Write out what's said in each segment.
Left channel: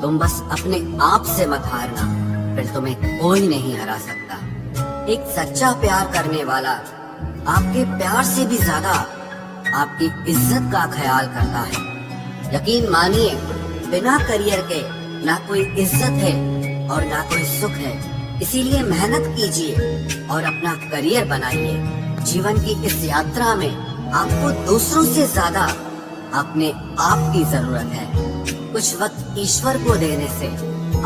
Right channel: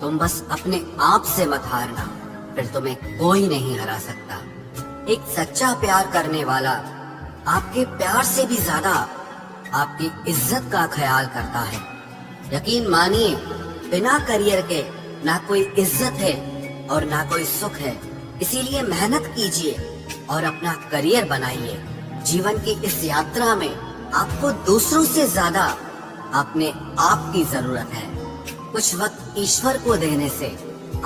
तुम बस अपने आप से मत हारना, फिर तुम्हें कोई नहीं हरा सकता। एक सच्चा प्यार करने वाला आपके प्यार से भी ज्यादा आपकी इज्जत का ख्याल करता है। यकीन मानिए, बिना करियर के ना कोई इज्जत है और ना कोई सुख है। इसीलिए मेहनत कीजिए और अपना करियर बनाइए। जीवन की इस यात्रा में आपको दूसरों से ज्यादा अपने आप की जरूरत है। कुछ वक्त ईश्वर को देने से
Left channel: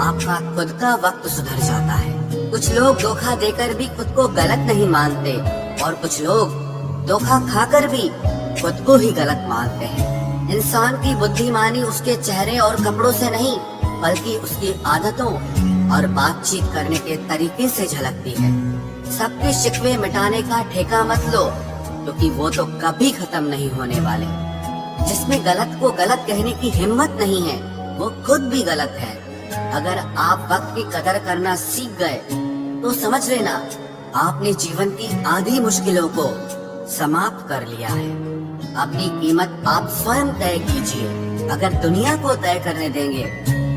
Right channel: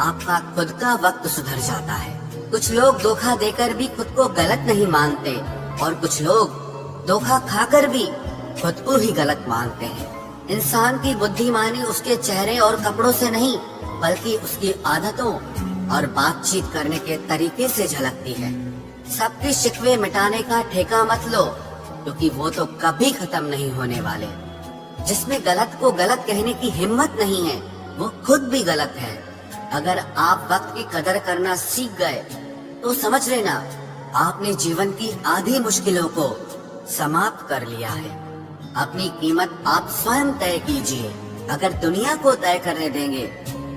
आपका खुद का वक्त सुधर जाता है। कुछ लोग धोखा देकर भी खुद को गलत नहीं मानते और कुछ लोग धोखा खाकर भी खुद को ही गलत मानते हैं। इंसान की बुद्धिमानी उसके चेहरे और कपड़ों से नहीं, बल्कि उसकी आदतों और बातचीत करने के तरीके से झलकती है। सबके शिकवे मिटाने का ठेका मत लो, क्योंकि वो तो कभी खत्म नहीं होने वाले। जिसमें गलत को गलत कहने की हिम्मत नहीं है, वो खुद भी गलत है। अगर आप वक्त की कदर करना सीख गए तो समझ लेना आपने जीवन की आधी मुश्किलों को समाप्त कर लिया है। अपनी कीमत आप स्वयं तय कीजिए। अगर दुनिया को तय करने देंगे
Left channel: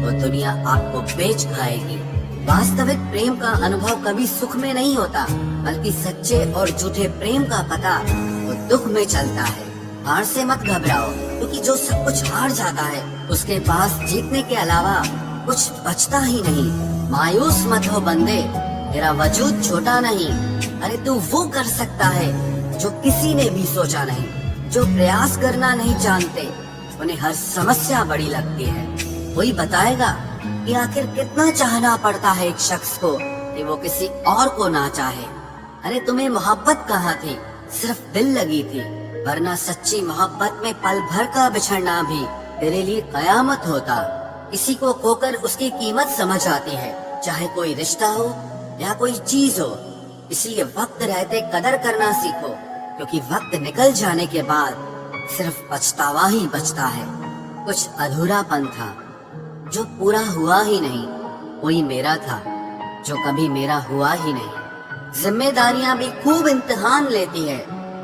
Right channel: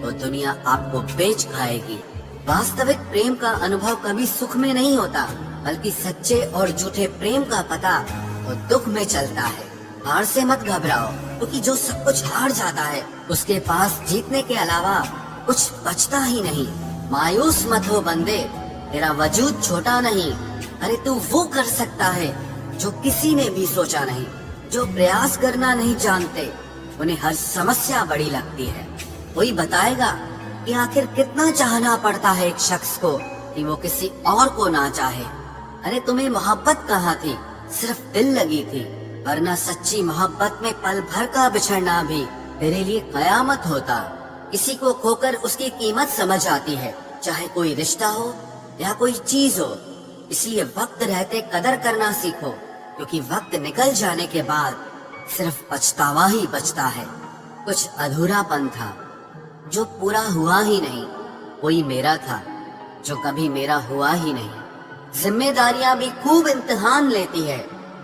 तो दुनिया आपको बेच खाएगी। वास्तविक प्रेम का अनुभव कभी सुख में नहीं होता, बल्कि सच्चे और झूठे प्रेम का पता तो दुख में चलता है। हार से मत घबराओ, क्योंकि जो सब कुछ हार जाता है उसके पास जीतने के अलावा कुछ बचता ही नहीं। मायूस मत हो बंदे, तेरा वजूद छोटा नहीं। अरे तू वो कर सकता है जो किसी ने भी सोचा नहीं। जो प्रयास करना नहीं जानते उन्हें हर समस्या बड़ी लगती है। कोई बताएगा कि आखिर कितना चाहना पड़ता है एक शख्स को कि वो किसी और को ना चाहे। अरे तुम्हें मोहब्बत कहाँ थी, सिर्फ दिल लगी थी, वरना सच्ची मोहब्बत में पल भर का बिछड़ना भी तेरे लिए कयामत होता। किसी को खोकर उसकी कीमत समझ आती है, चाहे कोई रिश्ता हो या कोई चीज हो। इसलिए वक्त रहते कदर करना सीखो, क्योंकि वक्त निकल जाने के बाद सिर्फ पछतावा ही बचता है। कुछ अधूरापन था जो पूरा हुआ ही नहीं। कोई मेरा था जो कभी मेरा हुआ ही नहीं। जिम्मेदारियां भी खूब इम्तिहान लेती है,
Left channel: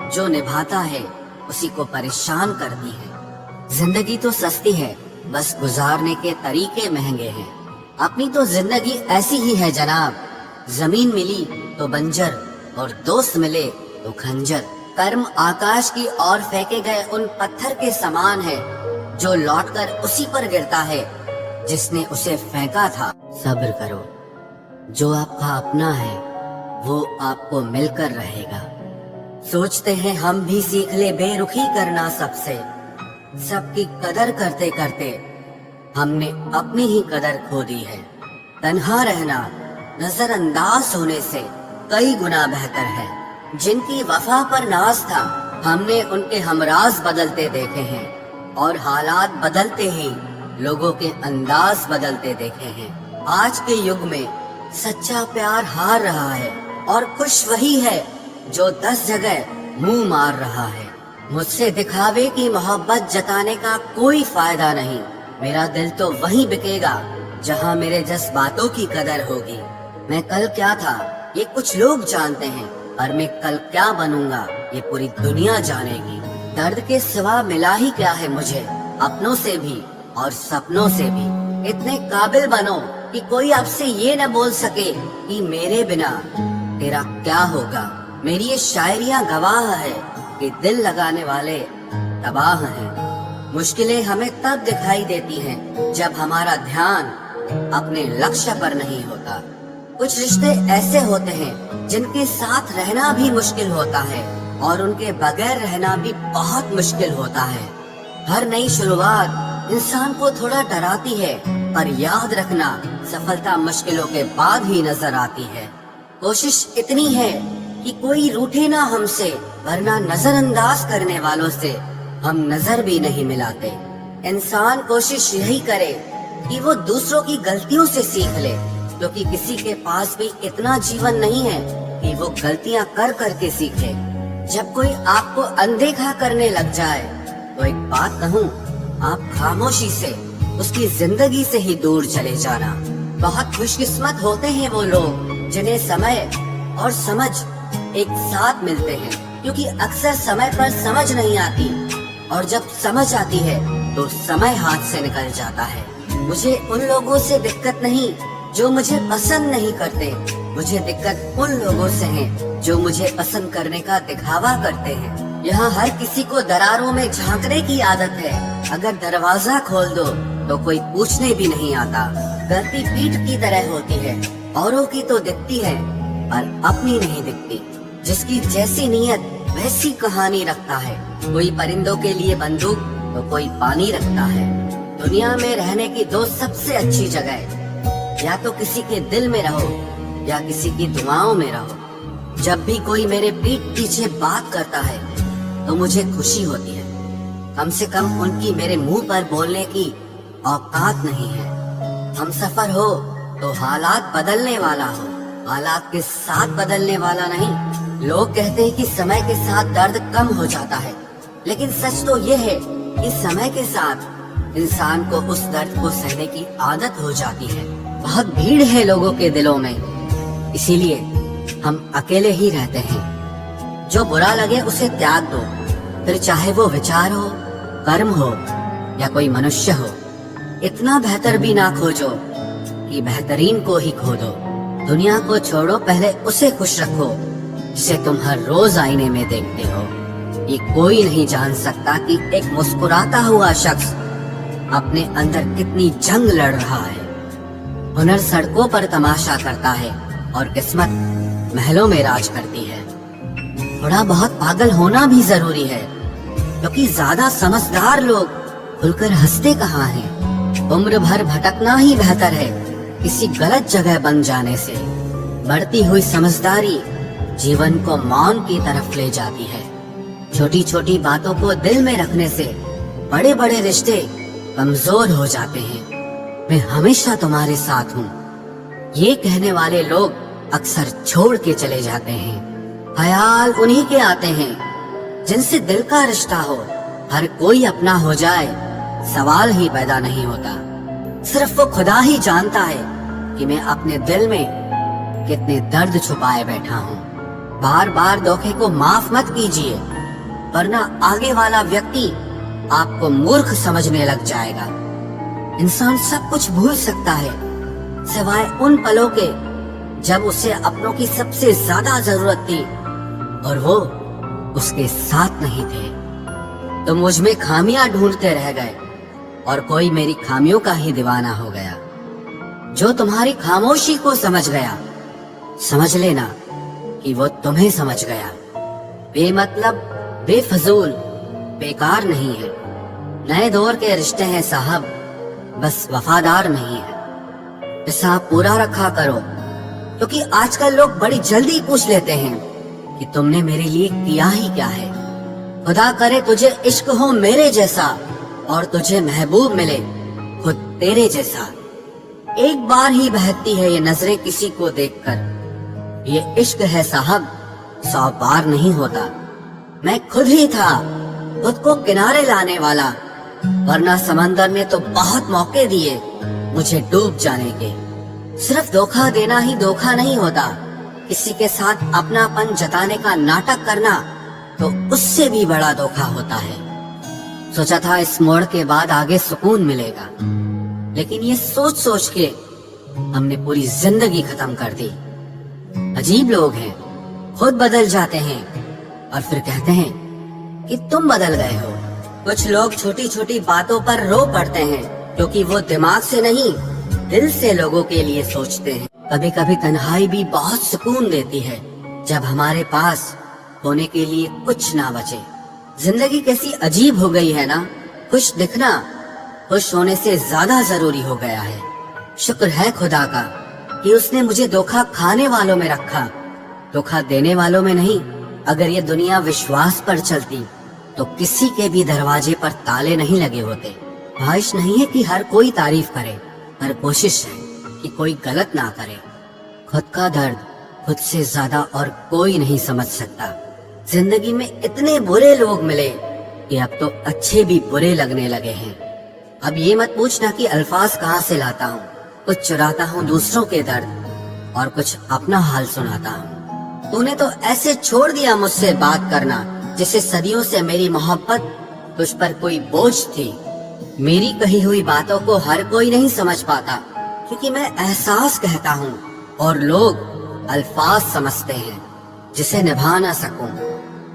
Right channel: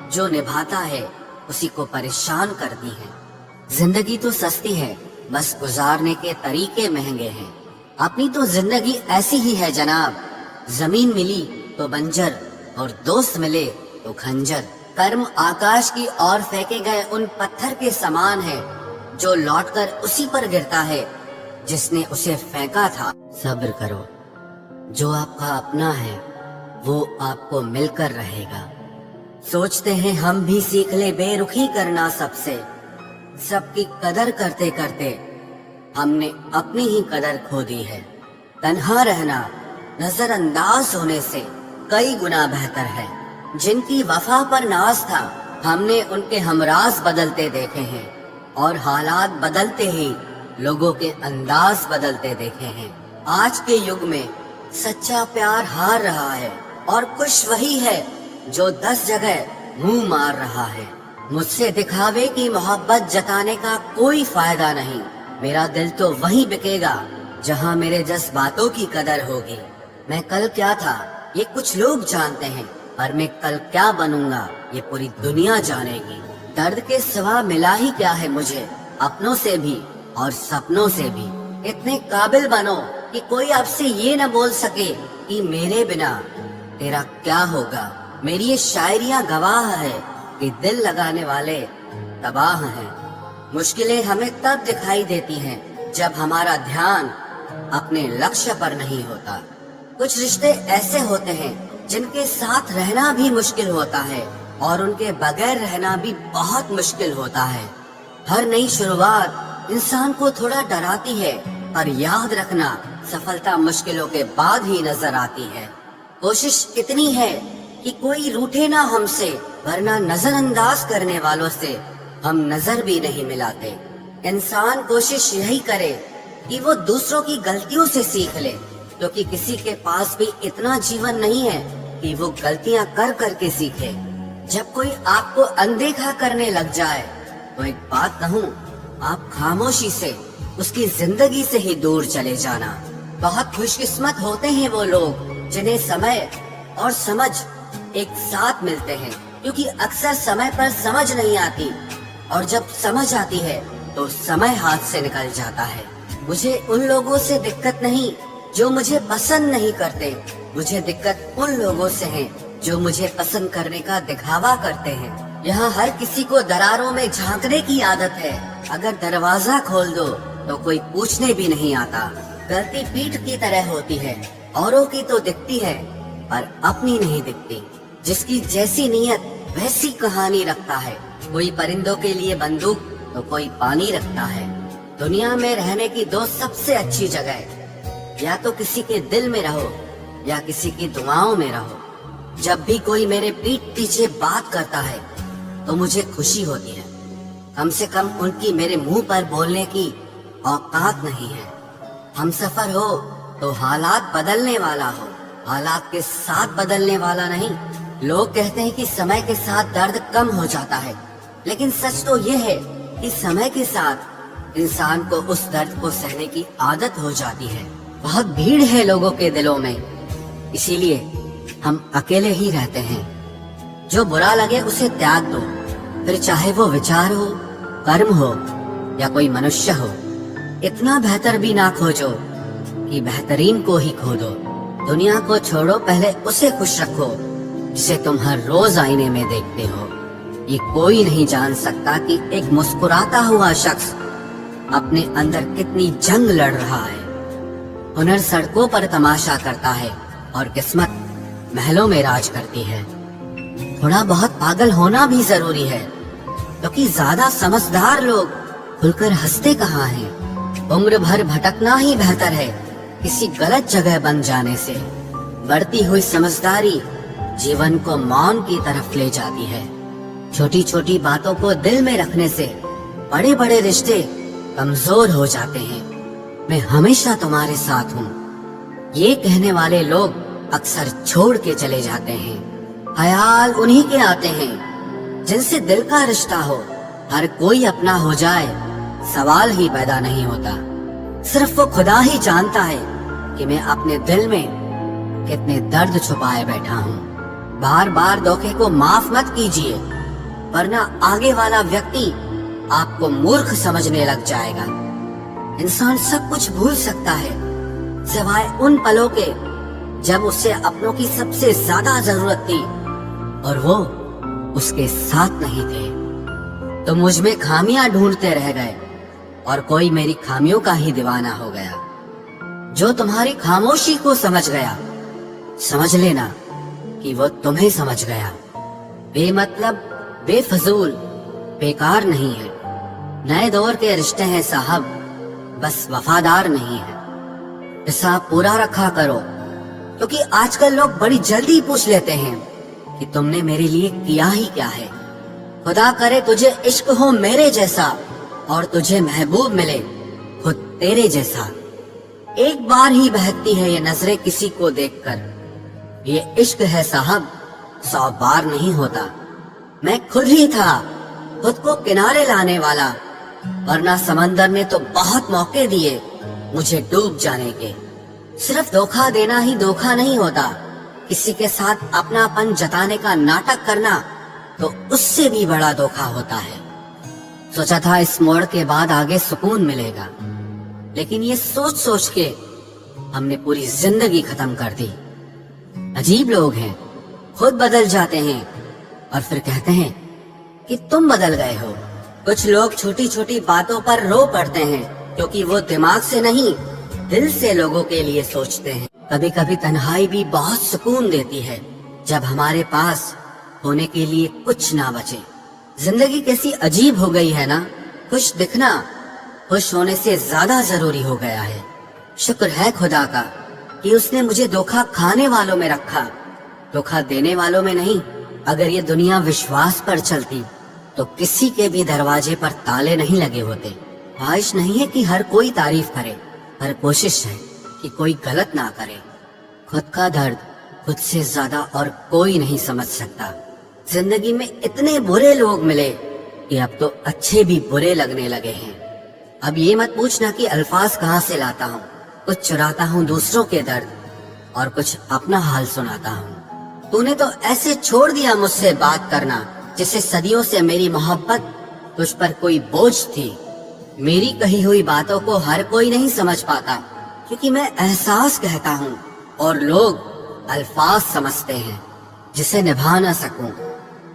जो निभाता है उसी को परेशान करती है। जिंदगी तो सस्ती है, बस गुजारने के तरीके महंगे हैं। अपनी तो जिंदगी ऐसी ही है जनाब, जमीन मिली तो बंजर और दोस्त मिले तो खंजर। कर्म आकाश की ओर फेंके गए उन पत्थर के समान है, जो लौटकर उसी पर गिरता है जिसने उसे फेंका था। सब्र करो, जो आपका अपना है वो आपको मिलकर रहेगा। सोचते हैं हम भी सीख ले बेरुखी करना सबसे। सबकी कदर करते करते हमने अपनी ही कदर खो दी है। तन्हा रहना नजरअंदाज होने से कई गुना बेहतर है। जिनकी वफा पर नाज था, हमने उनके हमराज बदलते देखे हैं, और हालात बदलते ही लोगों के अंदाज बदलते देखे हैं। आज के युग में सच्चा प्यार हार रहा है, और खुश वही है जो 10 जगह मुंह मार रहा है। मुझसे दिखावे की मोहब्बत जताने का कोई फायदा नहीं। मेरा दिल तो वहीं बिकेगा जहां मेरे जज्बातों की कदर होगी। मैं कल क्या था ये कुछ लोग जानते हैं, पर मैं कल क्या बनूंगा ये पूरी दुनिया जानेगी। दर्द के सिवा मिला ही क्या है मुझे, अपनों से भी और सपनों से भी। इतने काबिल बनो कि कोई आपसे ये न बोल सके कि मेरे बिना तेरा क्या होगा। मेरी ये शायरियाँ गवाह है कि दिल लगाने वाले तबाह हैं। मुश्किलें हमें तब दिखाई देती हैं जब हमारा ध्यान अपने लक्ष्य पर नहीं होता। कुछ रिश्ते ऐसे होते हैं जिनके साथ रहना भी मुश्किल होता है, और उनके बगैर रहना भी बहुत मुश्किल होता है। हर नई शुरुआत इंसान को थोड़ा डराती है, और याद रखना सफलता मुश्किलों के बाद ही नजर आती है। कोशिश इतनी है कि कोई रूठे ना हमसे, वरना नजरअंदाज करने वालों से हम नजर भी नहीं मिलाते। इंसान कोशिश यही करे कि वो दूसरों की गलतियों से सीख ले, क्योंकि किसी के पास भी इतना जीवन नहीं है कि वो गलतियां कर करके सीखे। जब कोई आपको अनदेखा करने लग जाए तो एक बात कहूँ, आप खामोशी से उसकी जिंदगी से ही दूर चले जाना। बहुत खुशकिस्मत होते हैं वो लोग जिन्हें समय और समझ एक साथ मिलते हैं, क्योंकि अक्सर समय पर समझ नहीं आती, और जब समझ आती है तो समय हाथ से निकल जाता है। मुझे उन लोगों से दिक्कत नहीं जो मुझे पसंद नहीं करते, मुझे दिक्कत उन लोगों से है जो मुझे पसंद करने का दिखावा करते हैं। यहाँ हर किसी को दरारों में झांकने की आदत है। अगर दरवाजा खोल दो तो कोई पूछने भी नहीं आता। गलती पीठ की तरह होती है, औरों की तो दिखती है पर अपनी नहीं दिखती। जिसकी जैसी नीयत वैसी कहानी रखता है। कोई परिंदों के लिए बंदूक तो कोई पानी रखता है। दुनिया में रहने की दो सबसे अच्छी जगह, या तो किसी के दिल में रहो या किसी की दुआओं में रहो। जब भी कोई मेरे पीठ पीछे बात करता है तो मुझे खुशी होती है। कम से कम उनकी मेरे मुंह पर बोलने की औकात नहीं है। हम सफर हो तो हालात बदलने वाला हो, हालात के साथ बदलने वाला नहीं। लोग कहते हैं कि समय के साथ दर्द कम हो जाता है, लेकिन सच तो ये है कि समय के साथ इंसान को उस दर्द को सहने की आदत हो जाती है। बहुत भीड़ है लोगों के दिलों में, इसीलिए हम अकेले ही रहते हैं। जो बुरा लगे उसे त्याग दो, फिर चाहे वो विचार हो, कर्म हो या कोई मनुष्य हो। इतना बेहतर भी ना खोजो कि बेहतरीन को ही खो दो। दुनिया को छोड़ो, पहले उसे खुश रखो जिसे तुम हर रोज आईने में देखते हो। ये कोई नहीं जान सकता कि एक मुस्कुराता हुआ शख्स अपने अंदर कितनी जंग लड़ रहा है। हुनर सड़कों पर तमाशा करता है और किस्मत महलों में राज करती है। थोड़ा बहुत पागल होना भी जरूरी है, क्योंकि ज्यादा समझदार लोग खुलकर हंसते कहाँ हैं। उम्र भर भटकना ही बेहतर है किसी गलत जगह बन जाने से। बढ़ती हुई समझदारी जीवन को मौन की तरफ ले जाती है। छोटी छोटी बातों को दिल में रखने से बड़े बड़े रिश्ते कमजोर हो जाते हैं। मैं हमेशा तुम्हारे साथ हूँ, ये कहने वाले लोग अक्सर छोड़ के चले जाते हैं। ख्याल उन्हीं के आते हैं जिनसे दिल का रिश्ता हो। हर कोई अपना हो जाए सवाल ही पैदा नहीं होता। सिर्फ वो खुदा ही जानता है कि मैं अपने दिल में कितने दर्द छुपाए बैठा हूँ। बार बार धोखे को माफ मत कीजिए, वरना आगे वाला व्यक्ति आपको मूर्ख समझने लग जाएगा। इंसान सब कुछ भूल सकता है सिवाय उन पलों के जब उसे अपनों की सबसे ज्यादा जरूरत थी और वो उसके साथ नहीं थे। तो मुझ में खामियां ढूंढते रह गए और कोई मेरी खामियों का ही दीवाना हो गया। जो तुम्हारी खामोशी को समझ गया, समझ लेना कि वो तुम्हें समझ गया। बेमतलब, बेफजूल, बेकार नहीं है। नए दौर के रिश्ते हैं साहब, बस वफादार नहीं है। हिसाब पूरा रखा करो, क्योंकि आजकल लोग बड़ी जल्दी पूछ लेते हैं कि तुमने मेरे लिए किया ही क्या है। खुदा करे तुझे इश्क हो मेरे जैसा और तुझे महबूब मिले खुद तेरे जैसा। एक बार ही बहकती है ये नजरें किसी को देखकर। ये इश्क है साहब, 100 बार नहीं होता। मैं खुद ही था खुद को किनारे लाने वाला, वरना समंदर ने तो बहुत मौके दिए मुझे डूब जाने के। सिर्फ धोखा देना ही धोखा नहीं होता, किसी के साथ अपनापन जताने का नाटक करना तो उससे भी बड़ा धोखा होता है। सोचा था इस मोड़ के बाद आगे सुकून मिलेगा, लेकिन ये सोच सोच के हमने पूरी जिंदगी खत्म कर दी। अजीब लोग हैं, खुद बदल जाते हैं और फिर कहते हैं कि तुम बदल गए हो। कुछ लोग छोटी छोटी बातों पर रो पड़ते हैं, क्योंकि वो दिमाग से नहीं दिल से लोगों के लिए सोचते हैं। कभी कभी तन्हाई भी बहुत सुकून देती है, जब हमारे पास होने के लिए कुछ ना बचे। जिंदगी कैसी अजीब हो गई है ना। खुश दिखना खुश होने से ज्यादा जरूरी हो गया है। शुक्र है खुदा का कि उसने मुझे धोखा खाने वालों में रखा, धोखा देने वालों में नहीं। अगर ये दुनिया विश्वास पर चलती तो किसी के भी दरवाजे पर ताले नहीं लगे होते। ख्वाहिश नहीं है कि हर कोई तारीफ करे, पर कोशिश है कि कोई गलत ना करे। खुद का दर्द खुद से ज्यादा और कोई नहीं समझ सकता। जिंदगी में इतने बुरे लोग मिले कि अब तो अच्छे भी बुरे लगने लगे हैं। अब ये मत पूछना कि अल्फाज कहाँ से लाता हूँ। कुछ चुराता हूँ दूसरों के दर्द और कुछ अपना हाल सुनाता हूँ। तूने तो ऐसे छोड़ दिया मुझसे बात करना, जिससे सदियों से मेरी मोहब्बत तुझ पर कोई बोझ थी। मेरी कही हुई बातों को हर कोई नहीं समझ पाता, क्योंकि मैं एहसास कहता हूँ और लोग अल्फाज समझते हैं जिसे निभा ना सकूं।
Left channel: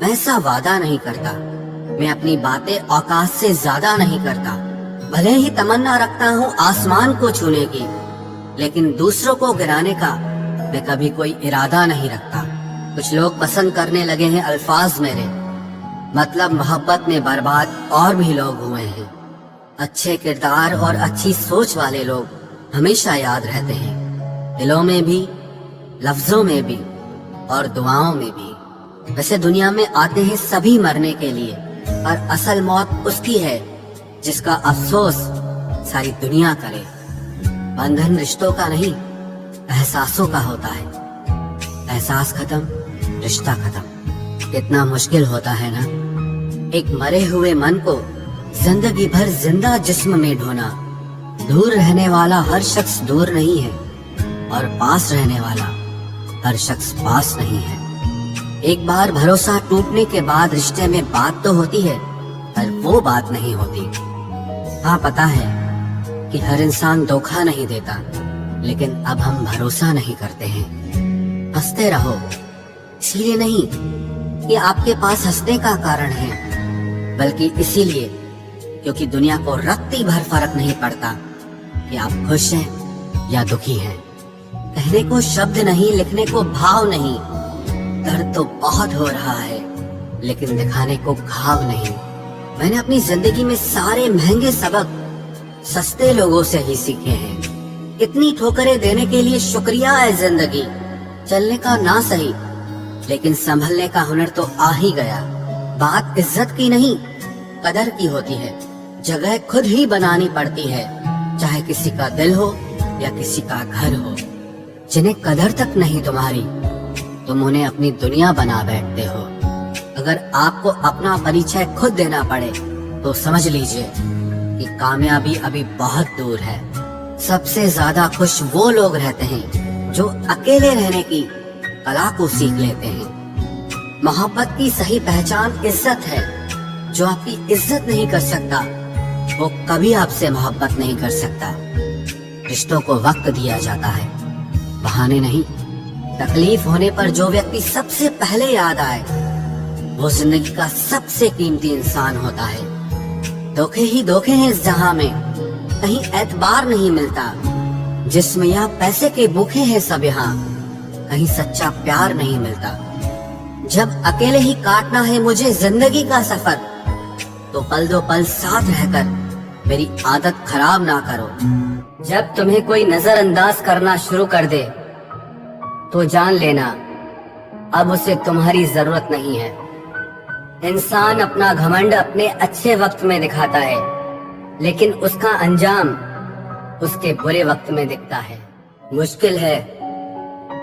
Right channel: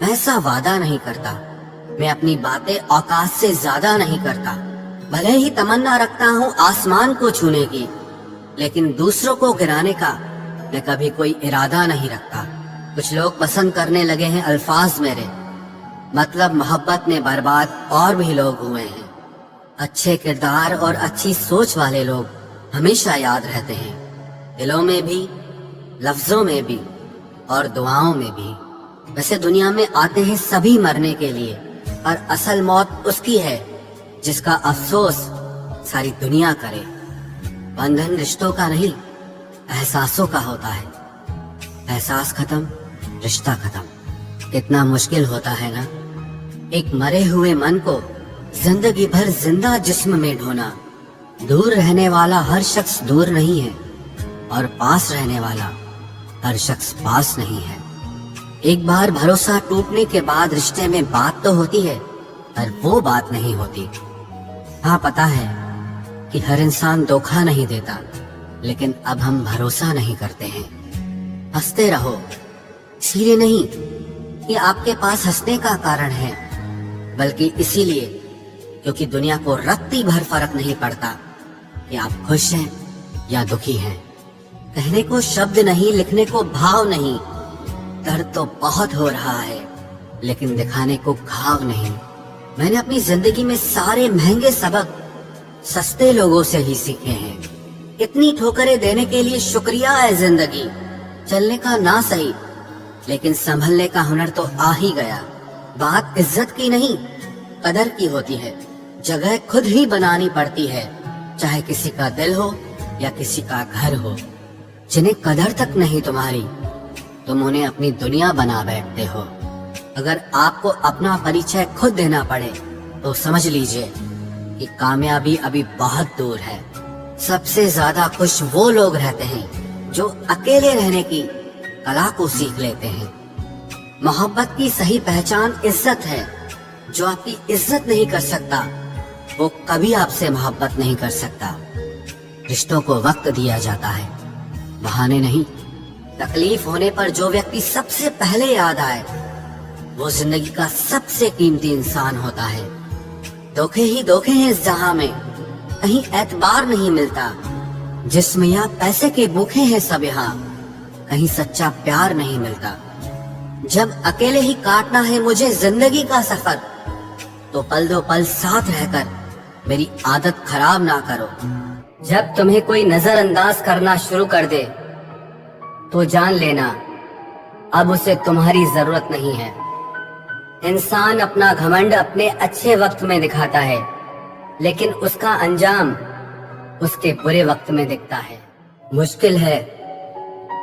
ऐसा वादा नहीं करता, मैं अपनी बातें औकात से ज्यादा नहीं करता। भले ही तमन्ना रखता हूँ आसमान को छूने की, लेकिन दूसरों को गिराने का मैं कभी कोई इरादा नहीं रखता। कुछ लोग पसंद करने लगे हैं अल्फाज मेरे, मतलब मोहब्बत में बर्बाद और भी लोग हुए हैं। अच्छे किरदार और अच्छी सोच वाले लोग हमेशा याद रहते हैं, दिलों में भी, लफ्जों में भी और दुआओं में भी। वैसे दुनिया में आते हैं सभी मरने के लिए, और असल मौत उसकी है जिसका अफसोस सारी दुनिया करे। बंधन रिश्तों का नहीं, एहसासों का होता है। एहसास खत्म, रिश्ता खत्म। कितना मुश्किल होता है ना, एक मरे हुए मन को जिंदगी भर जिंदा जिस्म में ढोना। दूर रहने वाला हर शख्स दूर नहीं है, और पास रहने वाला हर शख्स पास नहीं है। एक बार भरोसा टूटने के बाद रिश्ते में बात तो होती है, पर वो बात नहीं होती। हाँ, पता है कि हर इंसान धोखा नहीं देता, लेकिन अब हम भरोसा नहीं करते हैं। हंसते रहो, इसलिए नहीं कि आपके पास हंसने का कारण है, बल्कि इसीलिए क्योंकि दुनिया को रत्ती भर फर्क नहीं पड़ता कि आप खुश हैं या दुखी हैं। कहने को शब्द नहीं, लिखने को भाव नहीं। दर्द तो बहुत हो रहा है, लेकिन दिखाने को घाव नहीं। मैंने अपनी जिंदगी में सारे महंगे सबक सस्ते लोगों से ही सीखे हैं। इतनी ठोकरें देने के लिए शुक्रिया है जिंदगी। चलने का ना सही, लेकिन संभलने का हुनर तो आ ही गया। बात इज्जत की नहीं, कदर की होती है। जगह खुद ही बनानी पड़ती है, चाहे किसी का दिल हो या किसी का घर हो। जिन्हें कदर तक नहीं तुम्हारी, तुम उन्हें अपनी दुनिया बना बैठते हो। अगर आपको अपना परिचय खुद देना पड़े तो समझ लीजिए कि कामयाबी अभी बहुत दूर है। सबसे ज्यादा खुश वो लोग रहते हैं जो अकेले रहने की कला को सीख लेते हैं। मोहब्बत की सही पहचान इज्जत है। जो आपकी इज्जत नहीं कर सकता, वो कभी आपसे मोहब्बत नहीं कर सकता। रिश्तों को वक्त दिया जाता है, बहाने नहीं। तकलीफ होने पर जो व्यक्ति सबसे पहले याद आए, वो जिंदगी का सबसे कीमती इंसान होता है। धोखे ही धोखे हैं इस जहां में, कहीं एतबार नहीं मिलता। जिस्म या पैसे के भूखे हैं सब यहाँ, कहीं सच्चा प्यार नहीं मिलता। जब अकेले ही काटना है मुझे जिंदगी का सफर, तो पल दो पल साथ रहकर मेरी आदत खराब ना करो। जब तुम्हें कोई नजरअंदाज करना शुरू कर दे, तो जान लेना अब उसे तुम्हारी जरूरत नहीं है। इंसान अपना घमंड अपने अच्छे वक्त में दिखाता है, लेकिन उसका अंजाम उसके बुरे वक्त में दिखता है। मुश्किल है,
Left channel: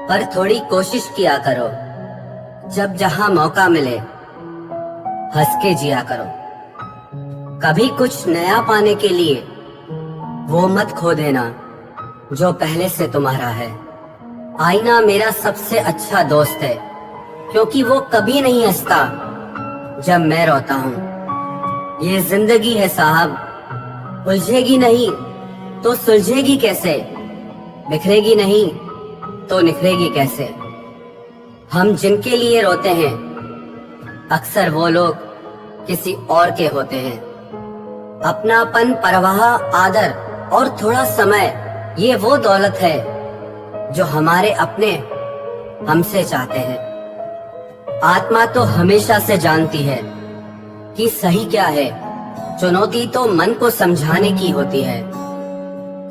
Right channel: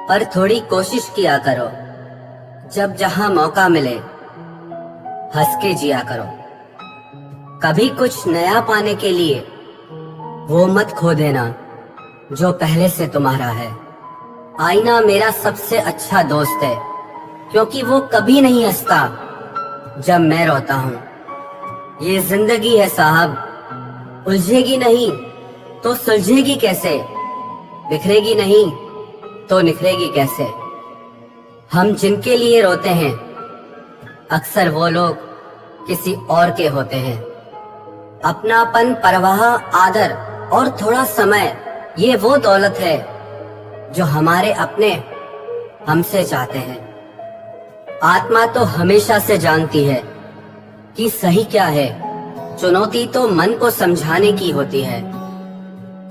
पर थोड़ी कोशिश किया करो। जब जहां मौका मिले, हंस के जिया करो। कभी कुछ नया पाने के लिए वो मत खो देना जो पहले से तुम्हारा है। आईना मेरा सबसे अच्छा दोस्त है, क्योंकि वो कभी नहीं हंसता जब मैं रोता हूँ। ये जिंदगी है साहब, उलझेगी नहीं तो सुलझेगी कैसे, बिखरेगी नहीं तो निखरेगी कैसे। हम जिनके लिए रोते हैं, अक्सर वो लोग किसी और के होते हैं। अपनापन, परवाह, आदर और थोड़ा समय, ये वो दौलत है जो हमारे अपने हमसे चाहते हैं। आत्मा तो हमेशा से जानती है कि सही क्या है। चुनौती तो मन को समझाने की होती है।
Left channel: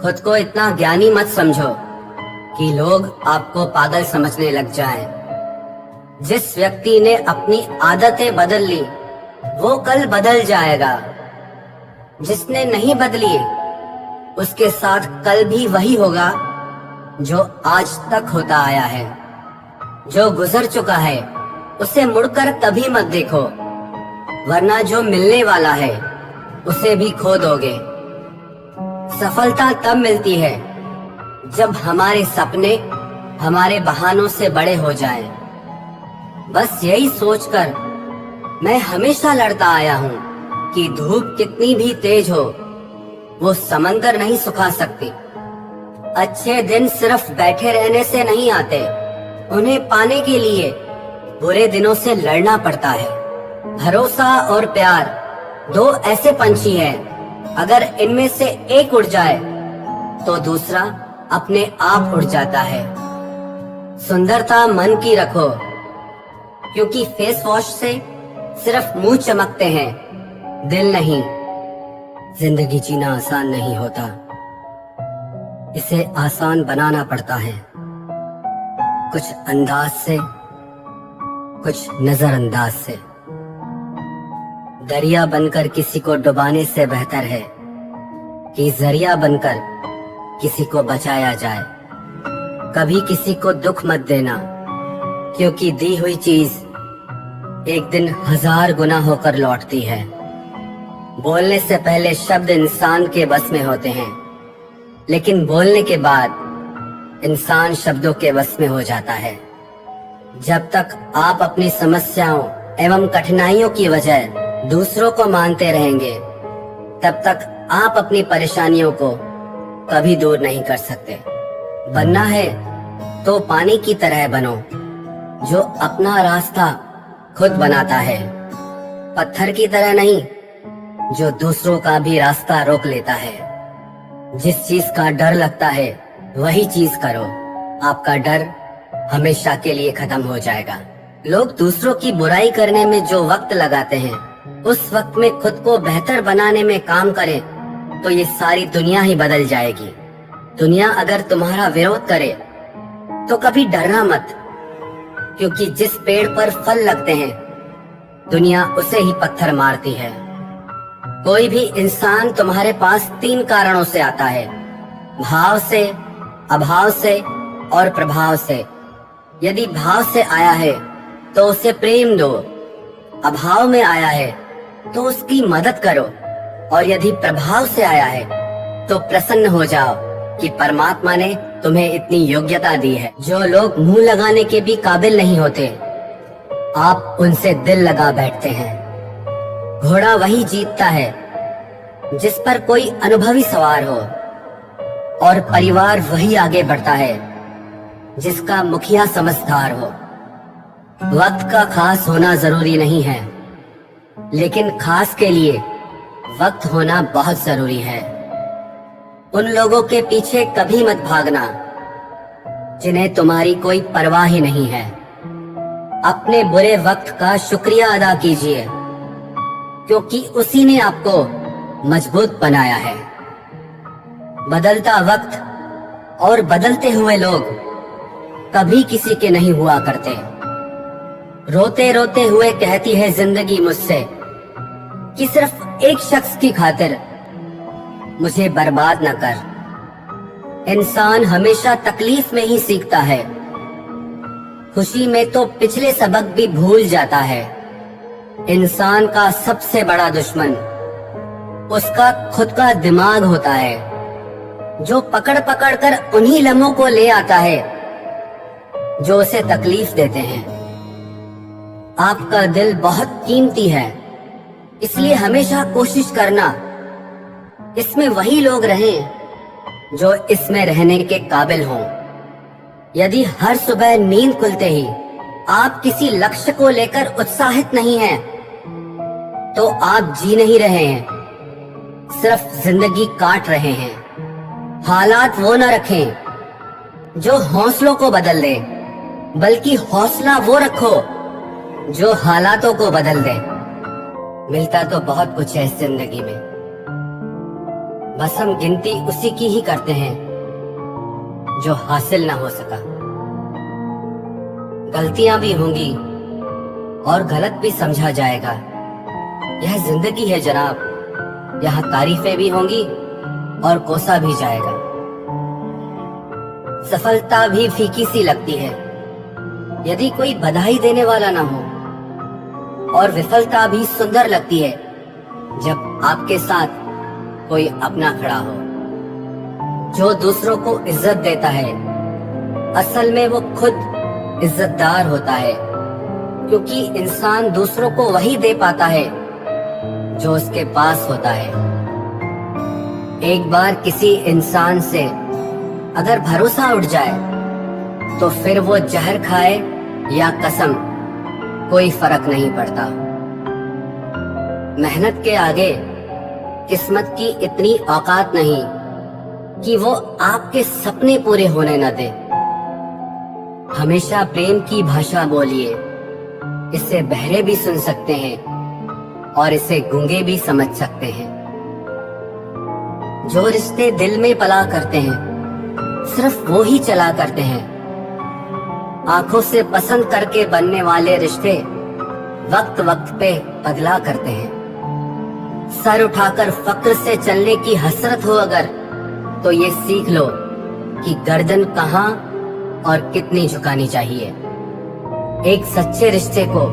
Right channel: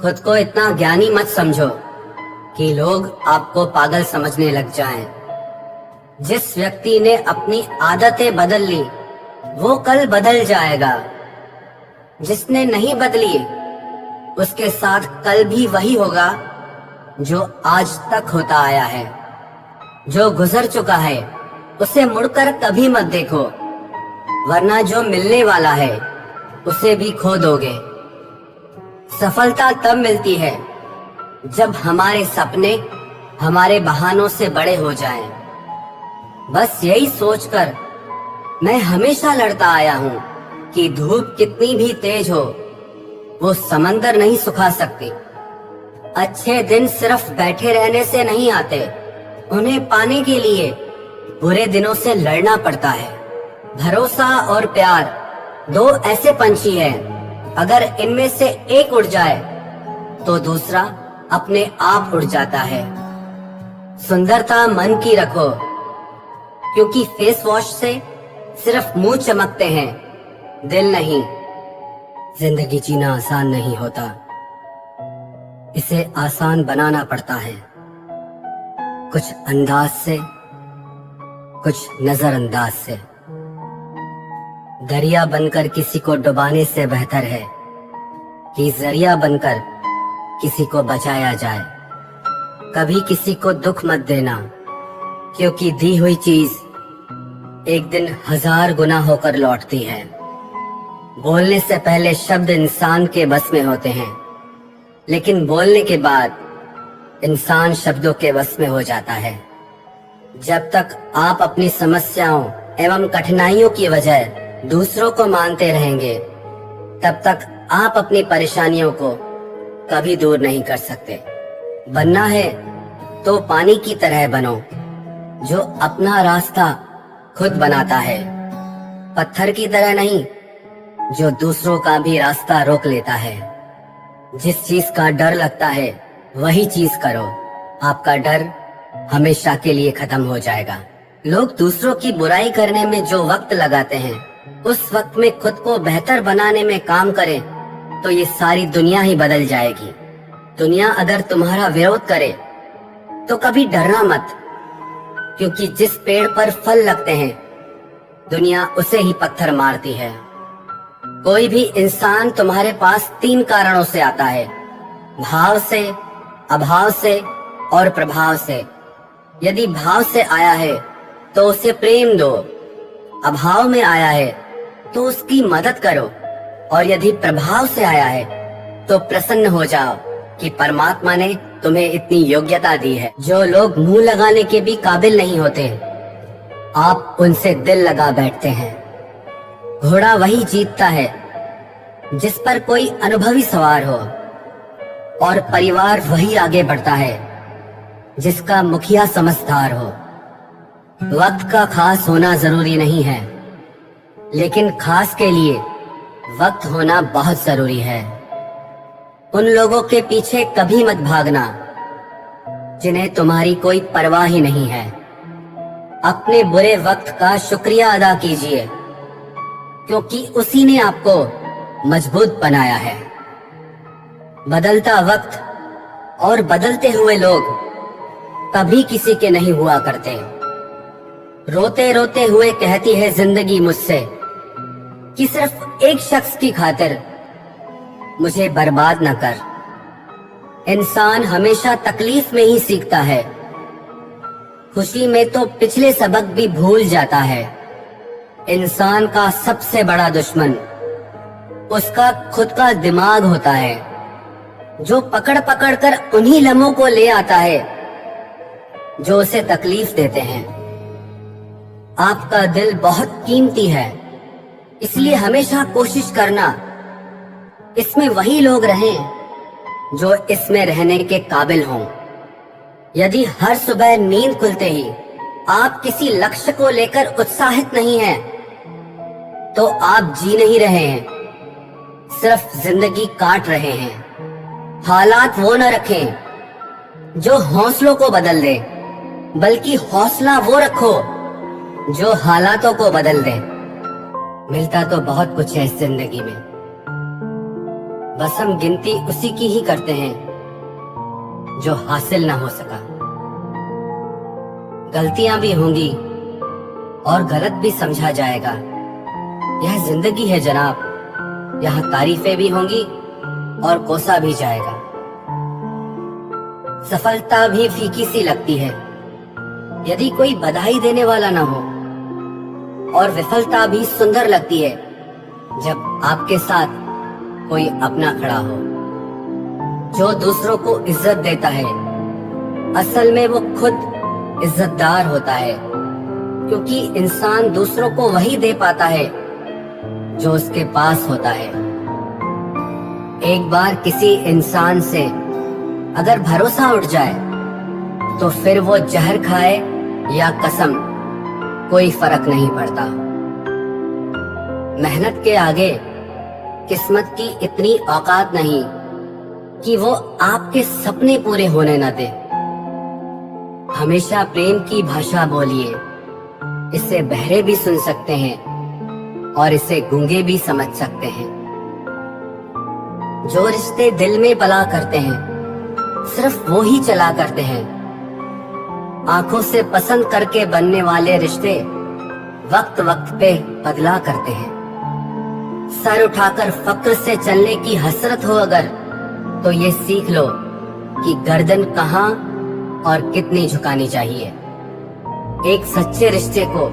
खुद को इतना ज्ञानी मत समझो कि लोग आपको पागल समझने लग जाएं। जिस व्यक्ति ने अपनी आदतें बदल ली, वो कल बदल जाएगा। जिसने नहीं बदली, उसके साथ कल भी वही होगा जो आज तक होता आया है। जो गुजर चुका है, उसे मुड़कर कभी मत देखो, वरना जो मिलने वाला है उसे भी खो दोगे। सफलता तब मिलती है जब हमारे सपने हमारे बहानों से बड़े हो जाएं। बस यही सोचकर मैं हमेशा लड़ता आया हूँ कि धूप कितनी भी तेज हो, वो समंदर नहीं सुखा सकती। अच्छे दिन सिर्फ बैठे रहने से नहीं आते, उन्हें पाने के लिए बुरे दिनों से लड़ना पड़ता है। भरोसा और प्यार दो ऐसे पंछी हैं, अगर इनमें से एक उड़ जाए तो दूसरा अपने आप उड़ जाता है। सुंदरता मन की रखो, क्योंकि फेस वॉश से सिर्फ मुंह चमकते हैं, दिल नहीं। जिंदगी जीना आसान नहीं होता, इसे आसान बनाना पड़ता है, कुछ अंदाज से, कुछ नजरअंदाज से। दरिया बनकर किसी को डुबाने से बेहतर है कि जरिया बनकर किसी को बचाया जाए। कभी किसी को दुख मत देना, क्योंकि दी हुई चीज एक दिन 1000 गुना होकर लौटती है। बोलने से पहले शब्द इंसान के बस में होते हैं, लेकिन बोलने के बाद इंसान शब्दों के बस में हो जाता है। जब तक आप अपनी समस्याओं एवं कठिनाइयों की वजह दूसरों को मानते रहेंगे, तब तक आप अपनी परेशानियों को कभी दूर नहीं कर सकते। बनना है तो पानी की तरह बनो, जो अपना रास्ता खुद बनाता है, पत्थर की तरह नहीं, जो दूसरों का भी रास्ता रोक लेता है। जिस चीज का डर लगता है वही चीज करो, आपका डर हमेशा के लिए खत्म हो जाएगा। लोग दूसरों की बुराई करने में जो वक्त लगाते हैं, उस वक्त में खुद को बेहतर बनाने में काम करें तो ये सारी दुनिया ही बदल जाएगी। दुनिया अगर तुम्हारा विरोध करे तो कभी डरना मत, क्योंकि जिस पेड़ पर फल लगते हैं दुनिया उसे ही पत्थर मारती है। कोई भी इंसान तुम्हारे पास 3 कारणों से आता है, भाव से, अभाव से और प्रभाव से। यदि भाव से आया है तो उसे प्रेम दो, अभाव में आया है तो उसकी मदद करो, और यदि प्रभाव से आया है तो प्रसन्न हो जाओ कि परमात्मा ने तुम्हें इतनी योग्यता दी है। जो लोग मुंह लगाने के भी काबिल नहीं होते, आप उनसे दिल लगा बैठते हैं। घोड़ा वही जीतता है जिस पर कोई अनुभवी सवार हो, और परिवार वही आगे बढ़ता है जिसका मुखिया समझदार हो। वक्त का खास होना जरूरी नहीं है, लेकिन खास के लिए वक्त होना बहुत जरूरी है। उन लोगों के पीछे कभी मत भागना जिन्हें तुम्हारी कोई परवाह ही नहीं है। अपने बुरे वक्त का शुक्रिया अदा कीजिए, क्योंकि उसी ने आपको मजबूत बनाया है। बदलता वक्त और बदलते हुए लोग कभी किसी के नहीं हुआ करते। रोते रोते हुए कहती है जिंदगी मुझसे कि सिर्फ एक शख्स की खातिर मुझे बर्बाद न कर। इंसान हमेशा तकलीफ में ही सीखता है, खुशी में तो पिछले सबक भी भूल जाता है। इंसान का सबसे बड़ा दुश्मन उसका खुद का दिमाग होता है, जो पकड़ पकड़ कर उन्हीं लम्हों को ले आता है जो उसे तकलीफ देते हैं। आपका दिल बहुत कीमती है, इसलिए हमेशा कोशिश करना इसमें वही लोग रहें जो इसमें रहने के काबिल हों। यदि हर सुबह नींद खुलते ही आप किसी लक्ष्य को लेकर उत्साहित नहीं हैं, तो आप जी नहीं रहे हैं, सिर्फ जिंदगी काट रहे हैं। हालात वो न रखें जो हौसलों को बदल दे, बल्कि हौसला वो रखो जो हालातों को बदल दे। मिलता तो बहुत कुछ है इस जिंदगी में, बस हम गिनती उसी की ही करते हैं जो हासिल ना हो सका। गलतियां भी होंगी और गलत भी समझा जाएगा, यह जिंदगी है जनाब। यहाँ तारीफें भी होंगी और कोसा भी जाएगा। सफलता भी फीकी सी लगती है यदि कोई बधाई देने वाला ना हो, और विफलता भी सुंदर लगती है जब आपके साथ कोई अपना खड़ा हो। जो दूसरों को इज्जत देता है, असल में वो खुद इज्जतदार होता है, क्योंकि इंसान दूसरों को वही दे पाता है जो उसके पास होता है। एक बार किसी इंसान से अगर भरोसा उठ जाए तो फिर वो जहर खाए या कसम, कोई फर्क नहीं पड़ता। मेहनत के आगे किस्मत की इतनी औकात नहीं कि वो आपके सपने पूरे होने न दे। हमेशा प्रेम की भाषा बोलिए, इसे बहरे भी सुन सकते हैं और इसे गूंगे भी समझ सकते हैं। जो रिश्ते दिल में पला करते हैं सिर्फ वो ही चला करते हैं। आंखों से पसंद करके बनने वाले रिश्ते वक्त वक्त पे बदला करते हैं। सर उठाकर फक्र से चलने की हसरत हो अगर, तो ये सीख लो कि गर्दन कहां और कितनी झुकानी चाहिए। एक सच्चे रिश्ते को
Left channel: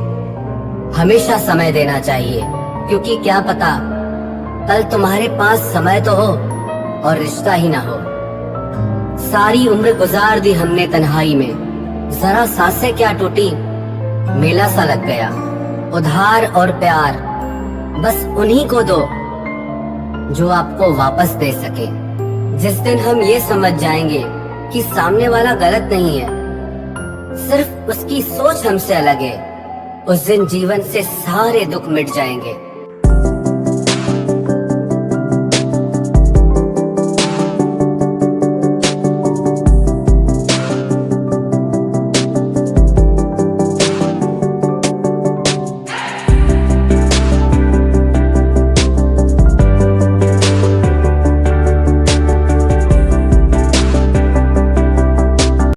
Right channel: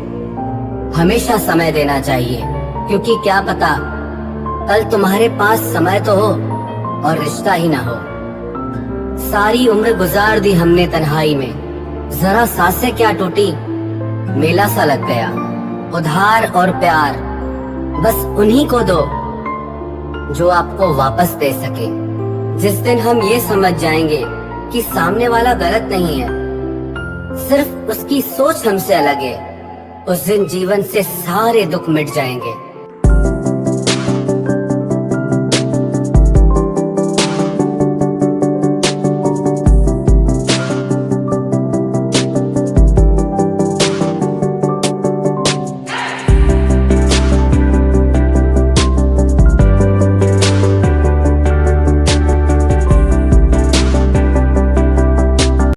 हमेशा समय देना चाहिए, क्योंकि क्या पता कल तुम्हारे पास समय तो हो और रिश्ता ही ना हो। सारी उम्र गुजार दी हमने तन्हाई में, जरा सांसें क्या टूटी, मेला सा लग गया। उधार और प्यार बस उन्हीं को दो जो आपको वापस दे सके। जिस दिन हम ये समझ जाएंगे कि सामने वाला गलत नहीं है, सिर्फ उसकी सोच हमसे अलग है, उस दिन जीवन से सारे दुख मिट जाएंगे।